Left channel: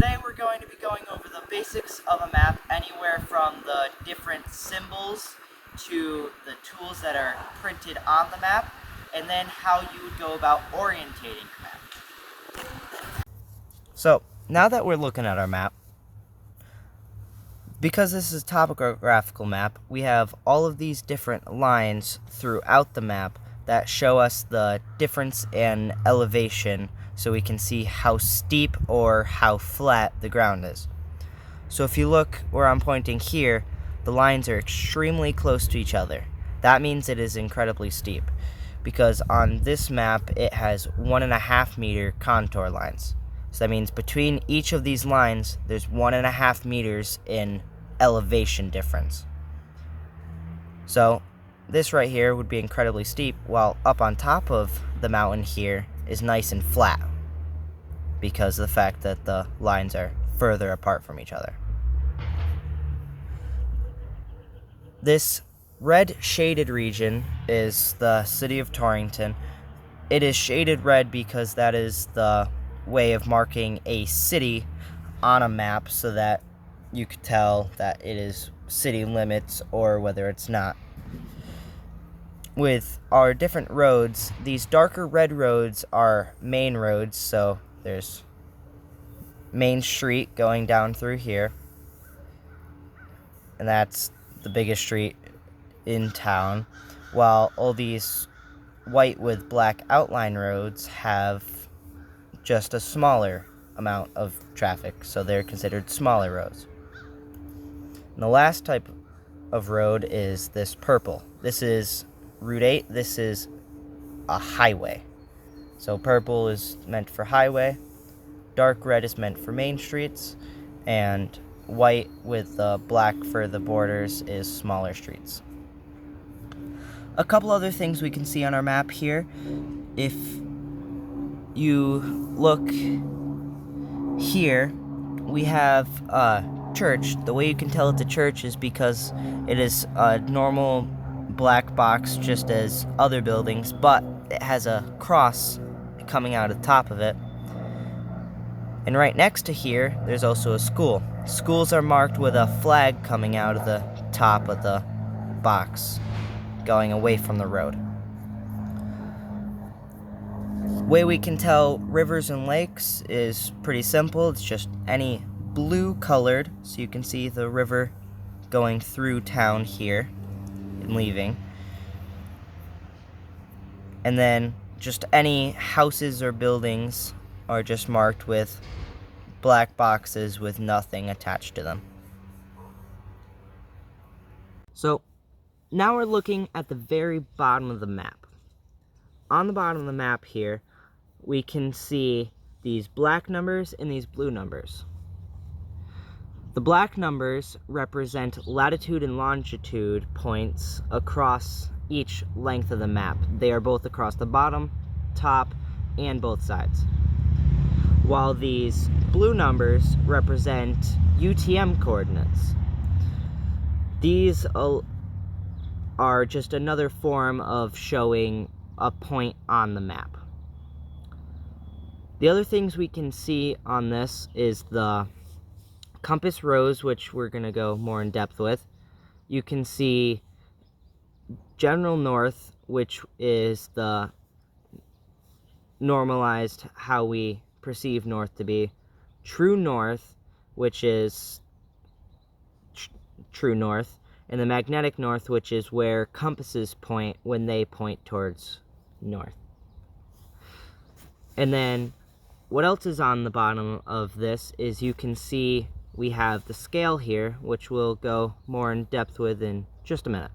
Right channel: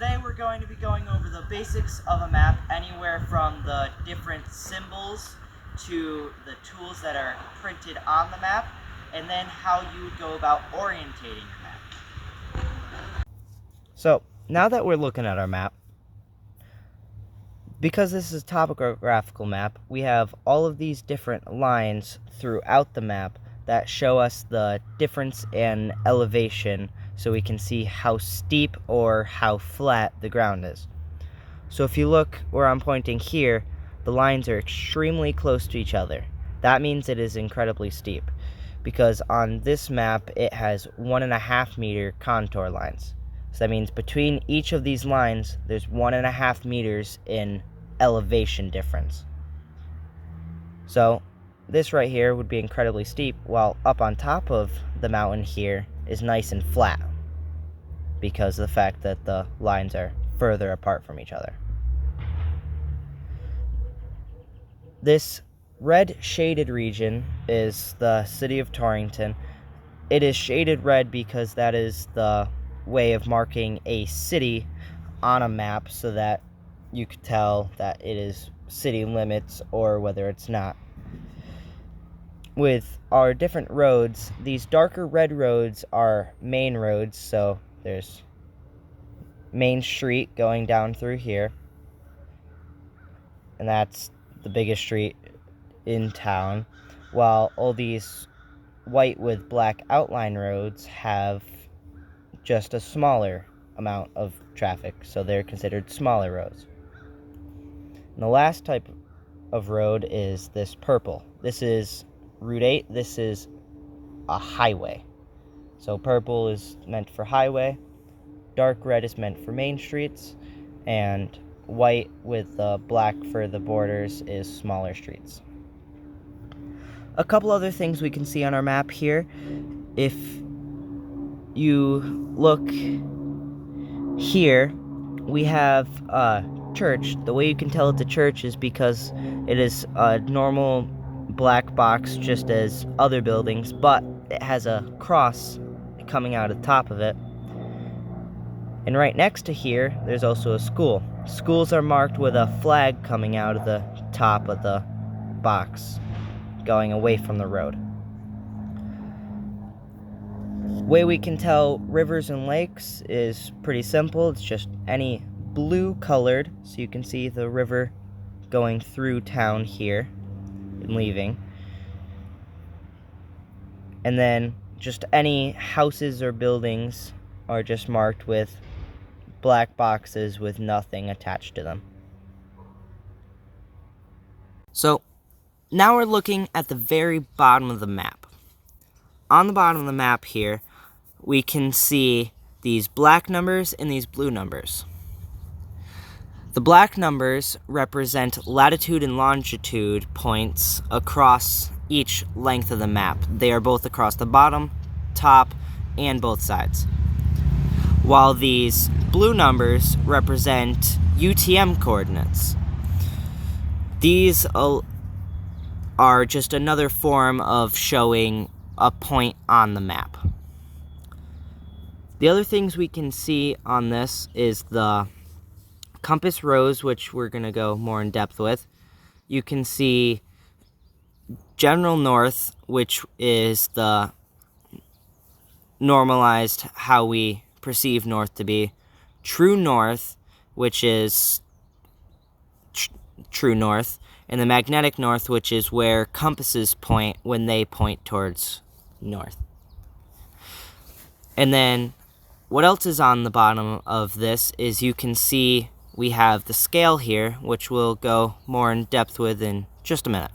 today we're going to be going over the basics of a map, anywhere from the different symbols to the tools that are printed on the map, and then how you would go about orientating your map. So, now that we're looking at our map, because this is a topographical map, we have all of these different lines throughout the map that show us the difference in elevation so we can see how steep or how flat the ground is. So if you look where I'm pointing here, the lines are extremely close to each other. That means it is incredibly steep, because on this map it has 1.5 meter contour lines. So that means between each of these lines, there's 1.5 meters in elevation difference. So this right here would be incredibly steep, while up on top of the mountain here is nice and flat, because of the fact that the lines are further apart from each other. This red shaded region is the city of Torrington. It is shaded red because that is the way of marking a city on a map so that you could tell that it is city limits or whether it's not. With our different roads, these darker red roads are main roads, so there's Main Street going down through here, and that's the biggest street in town, while all these white with black outline roads have just a smaller amount of traffic, so they're considered smaller roads. And the last type of road is this purple. This is Route 8. This is a highway. So purple is meant for highway, dark red is meant for main streets, and white with the black for the borders is smaller streets. A couple other things we can see on our map here. If you look here, we have a church. The way you can tell it's a church is because it is a normal black box just as other buildings, but it has a cross coming out of the top of it. And right next to here, there's also a school. Schools are marked with a flag coming out of the top of the box, going away from the road. Way we can tell rivers and lakes is pretty simple. It's just any blue colored, so you can see the river going through town here and leaving. And then just any houses or buildings are just marked with black boxes with nothing attached to them. So now we're looking at the very bottom of the map. On the bottom of the map here, we can see these black numbers and these blue numbers. The black numbers represent latitude and longitude points across each length of the map. They are both across the bottom, top, and both sides. While these blue numbers represent UTM coordinates. These are just another form of showing a point on the map. The other things we can see on this is the compass rose, which we're going to go more in depth with. You can see general north, which is the normalized how we perceive north to be. True north, which is true north. And the magnetic north, which is where compasses point when they point towards north. And then what else is on the bottom of this is you can see we have the scale here, which we'll go more in depth with in just a minute.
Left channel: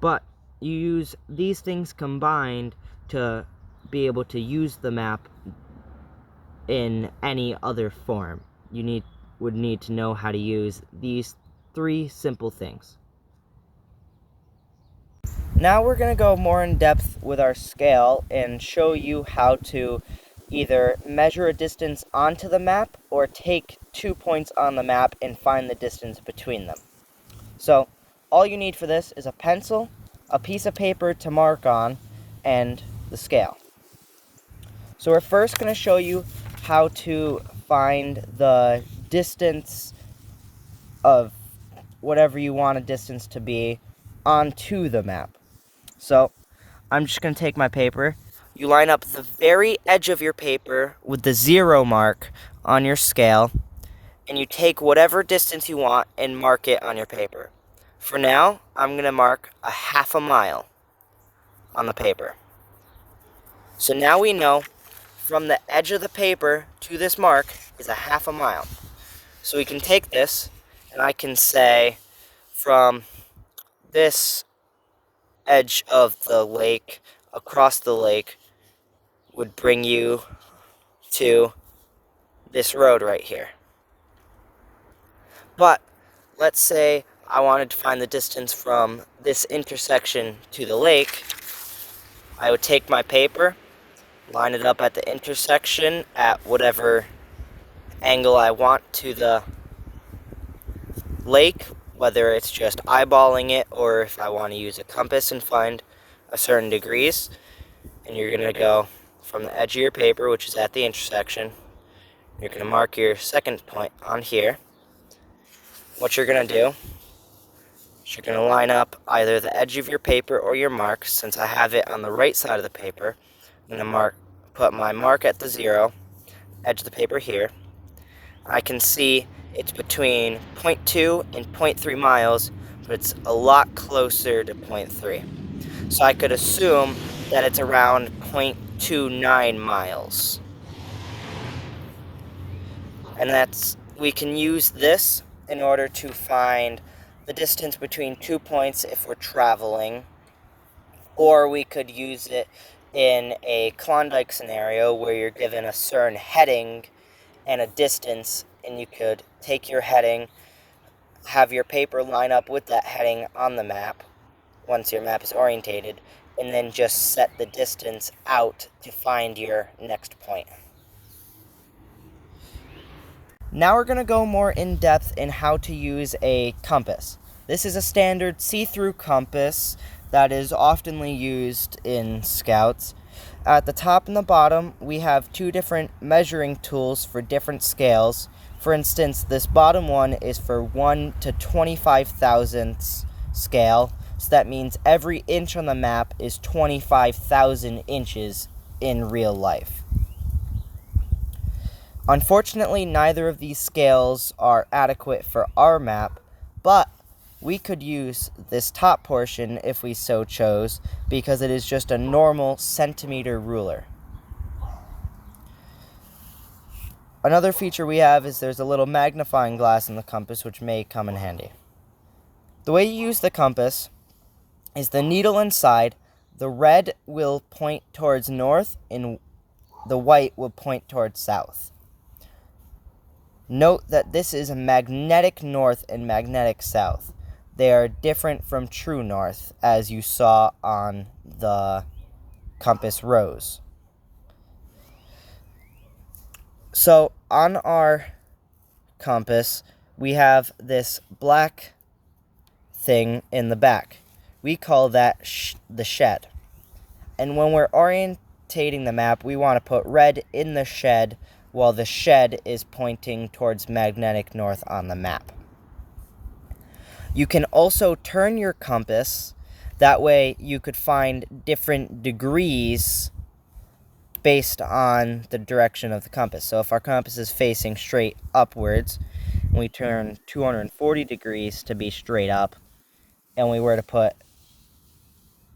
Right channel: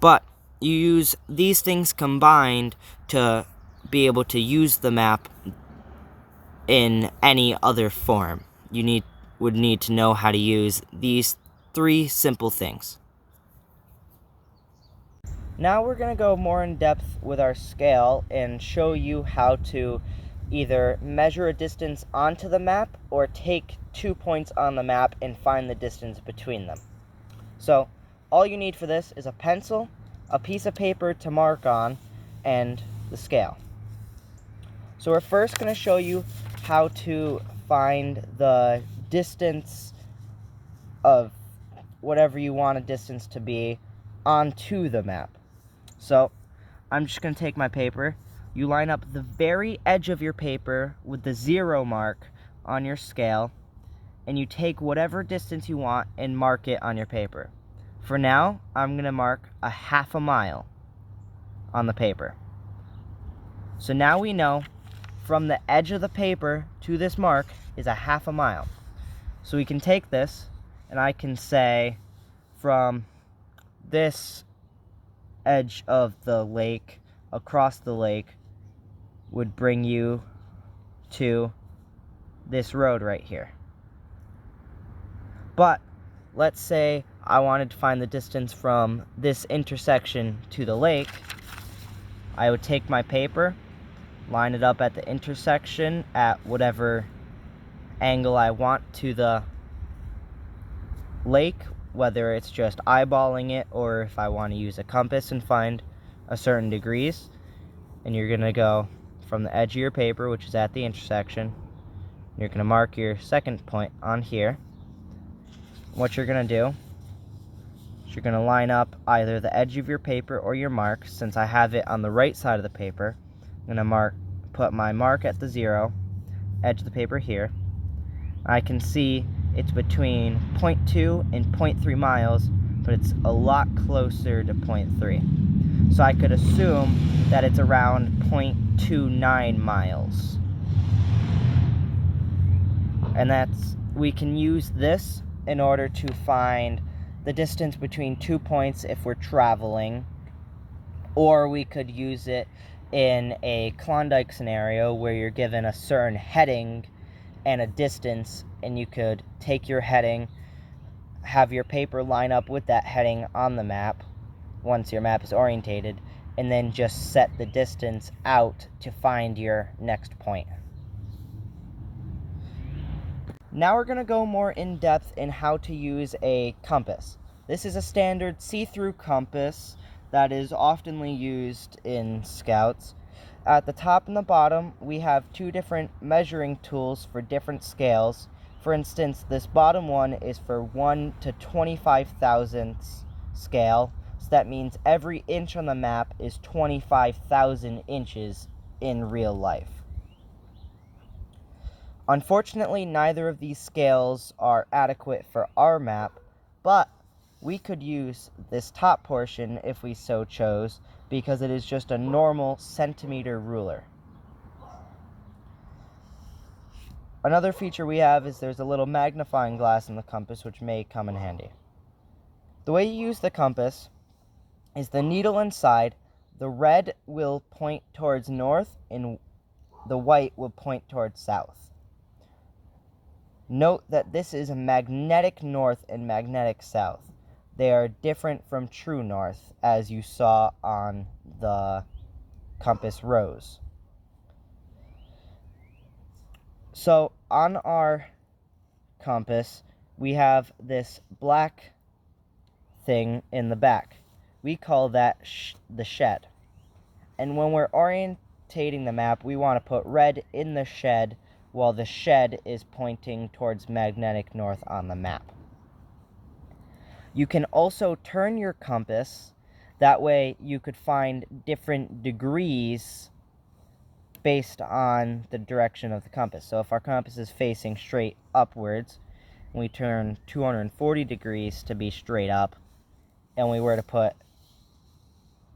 But you use these things combined to be able to use the map in any other form. You would need to know how to use these three simple things. Now we're going to go more in depth with our scale and show you how to either measure a distance onto the map or take 2 points on the map and find the distance between them. So all you need for this is a pencil, a piece of paper to mark on, and the scale. So we're first going to show you how to find the distance of whatever you want a distance to be onto the map. So I'm just going to take my paper. You line up the very edge of your paper with the 0 mark on your scale, and you take whatever distance you want and mark it on your paper. For now, I'm going to mark a half a mile on the paper. So now we know from the edge of the paper to this mark is a half a mile. So we can take this, and I can say from this edge of the lake across the lake would bring you to this road right here. But let's say I wanted to find the distance from this intersection to the lake. I would take my paper, line it up at the intersection at whatever angle I want to the lake, whether it's just eyeballing it or if I want to use a compass and find a certain degrees. And you're going to go from the edge of your paper, which is at the intersection. You're going to mark your second point on here. What you're going to do is you're going to line up either the edge of your paper or your mark. Since I have it on the right side of the paper, I'm going to put my mark at the 0, edge of the paper here. I can see it's between 0.2 and 0.3 miles, but it's a lot closer to 0.3. So I could assume that it's around 0.29 miles. And we can use this in order to find the distance between 2 points if we're traveling, or we could use it in a Klondike scenario where you're given a certain heading and a distance, and you could take your heading, have your paper line up with that heading on the map once your map is orientated, and then just set the distance out to find your next point. Now we're going to go more in depth in how to use a compass. This is a standard see-through compass that is oftenly used in Scouts. At the top and the bottom, we have 2 different measuring tools for different scales. For instance, this bottom one is for 1 to 25 thousandths scale, so that means every inch on the map is 25,000 inches in real life. Unfortunately, neither of these scales are adequate for our map, but we could use this top portion if we so chose, because it is just a normal centimeter ruler. Another feature we have is there's a little magnifying glass in the compass, which may come in handy. The way you use the compass is the needle inside. The red will point towards north and the white will point towards south. Note that this is a magnetic north and magnetic south. They are different from true north, as you saw on the compass rose. So on our compass, we have this black thing in the back. We call that the shed. And when we're orientating the map, we want to put red in the shed while the shed is pointing towards magnetic north on the map. You can also turn your compass. That way you could find different degrees based on the direction of the compass. So if our compass is facing straight upwards, we turn 240 degrees to be straight up, and we were to put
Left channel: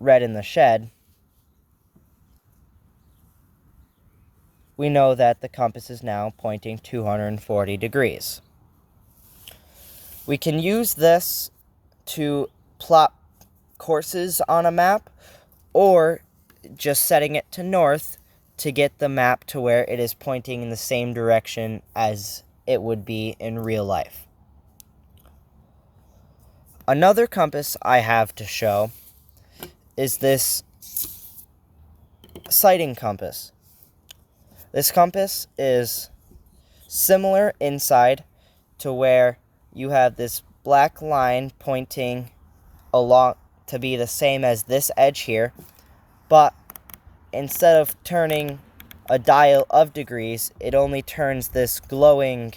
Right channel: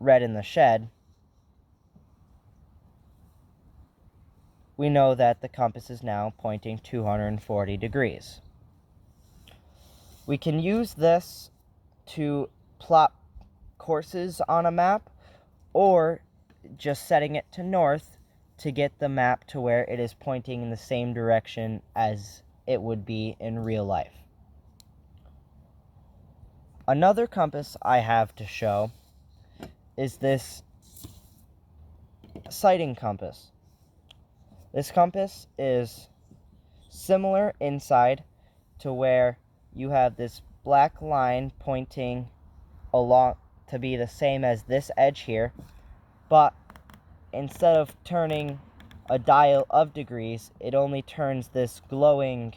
red in the shed, we know that the compass is now pointing 240 degrees. We can use this to plot courses on a map, or just setting it to north to get the map to where it is pointing in the same direction as it would be in real life. Another compass I have to show is this sighting compass. This compass is similar inside to where you have this black line pointing along to be the same as this edge here, but instead of turning a dial of degrees, it only turns this glowing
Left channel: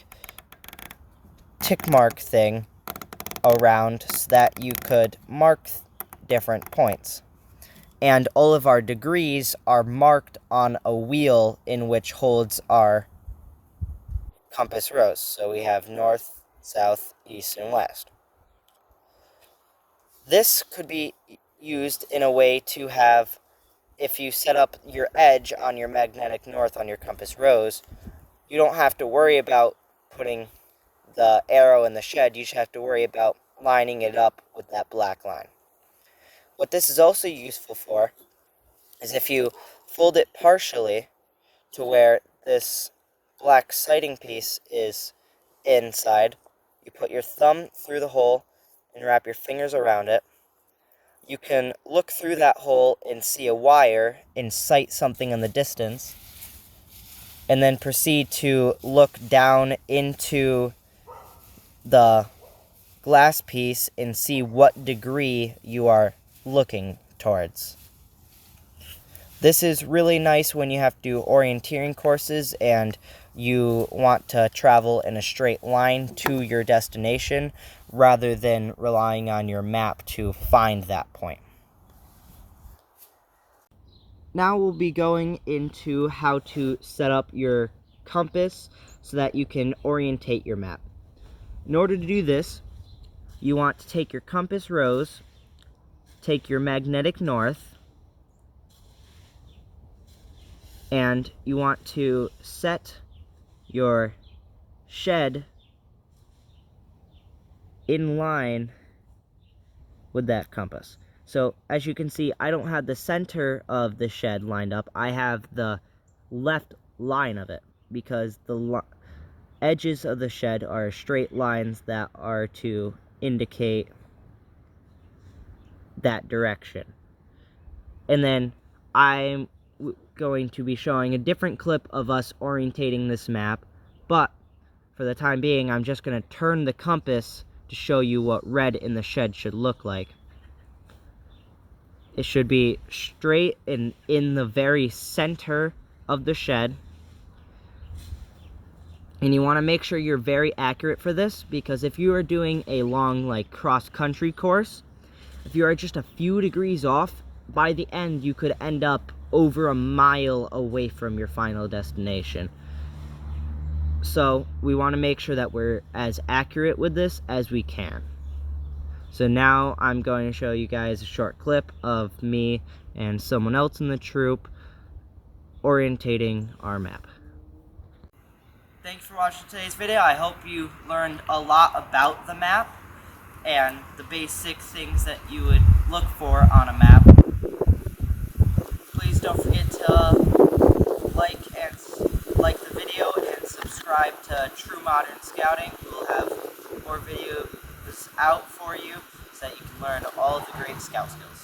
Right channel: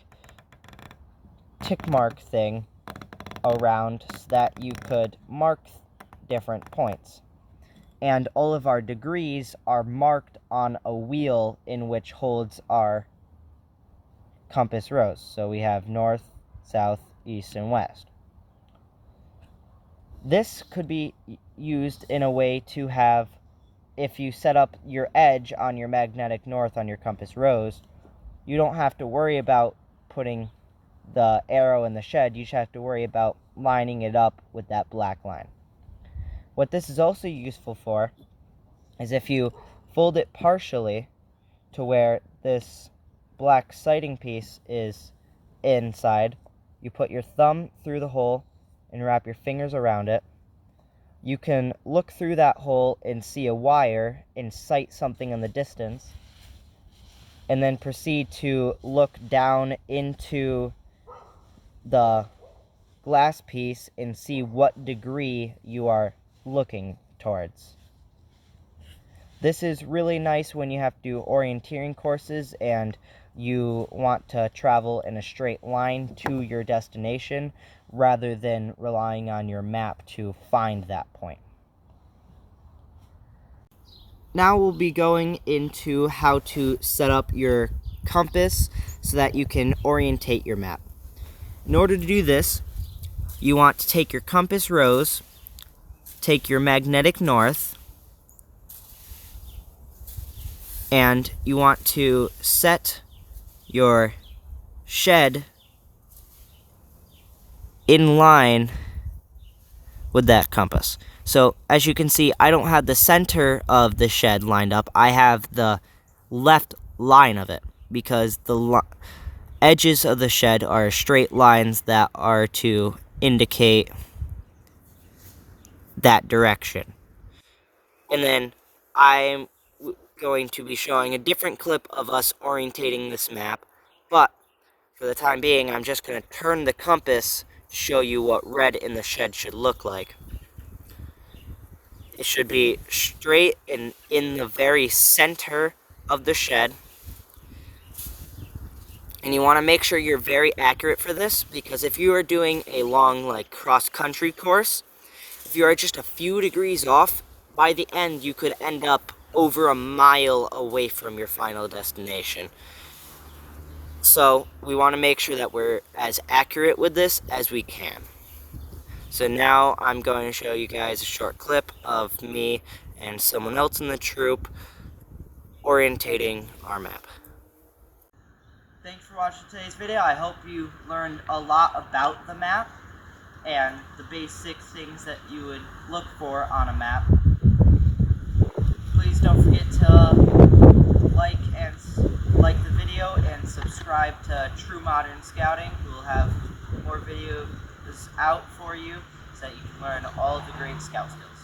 tick mark thing around so that you could mark different points. And all of our degrees are marked on a wheel in which holds our compass rose. So we have north, south, east, and west. This could be used in a way to have, if you set up your edge on your magnetic north on your compass rose, you don't have to worry about putting the arrow in the shed. You just have to worry about lining it up with that black line. What this is also useful for is if you fold it partially to where this black sighting piece is inside, you put your thumb through the hole and wrap your fingers around it. You can look through that hole and see a wire and sight something in the distance, and then proceed to look down into the glass piece and see what degree you are looking towards. This is really nice when you have to do orienteering courses and you want to travel in a straight line to your destination rather than relying on your map to find that point. Now we'll be going into how to set up your compass so that you can orientate your map. In order to do this, you want to take your compass rose, take your magnetic north, and you want to set your shed in line with that compass. So as you can see, I don't have the center of the shed lined up. I have the left line of it because the edges of the shed are straight lines that are to indicate that direction. And then I'm going to be showing a different clip of us orientating this map, but for the time being, I'm just going to turn the compass to show you what red in the shed should look like. It should be straight and in the very center of the shed. And you want to make sure you're very accurate for this, because if you are doing a long, like, cross-country course, if you are just a few degrees off, by the end you could end up over a mile away from your final destination. So we want to make sure that we're as accurate with this as we can. So now I'm going to show you guys a short clip of me and someone else in the troop orientating our map. Thanks for watching today's video. I hope you learned a lot about the map and the basic things that you would look for on a map. Please don't forget to like the video and subscribe to True Modern Scouting, who will have more videos out for you so that you can learn all of the great scout skills.